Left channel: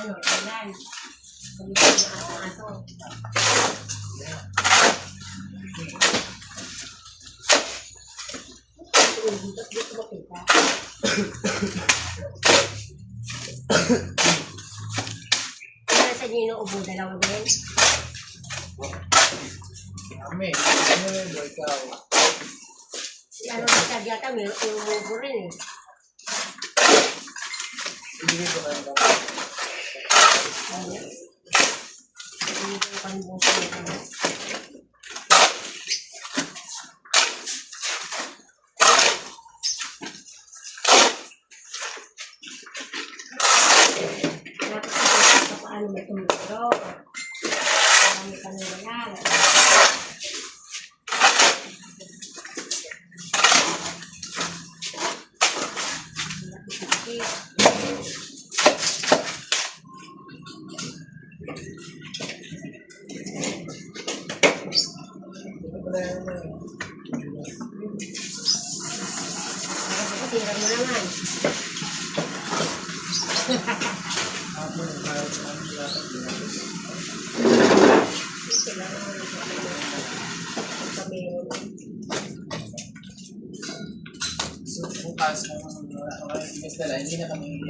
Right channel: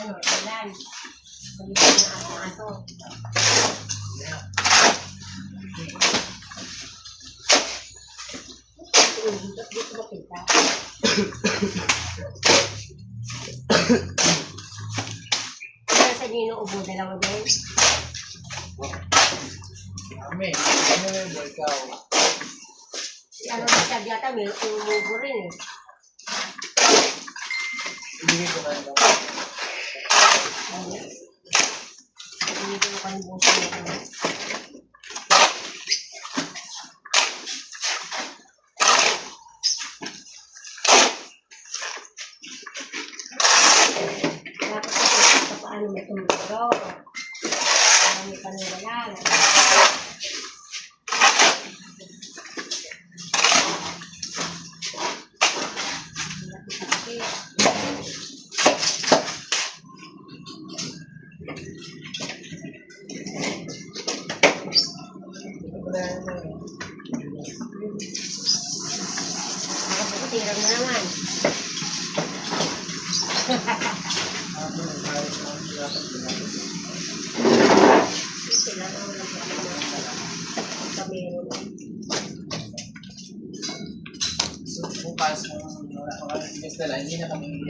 Ano, ilan? Pag-ibig na aso. Dito ba kita? Kaya sa inyo inuubo dalawa din? Kami, ano yun, ikaw? Ano ba siya yata, may umuubo rin eh. Ibigay ko na lang. Hindi ko kami buso na kanya. Dapat paano may tumulong. Marami pa nang wala. Tingnan mo naman. Bukas, hindi na kami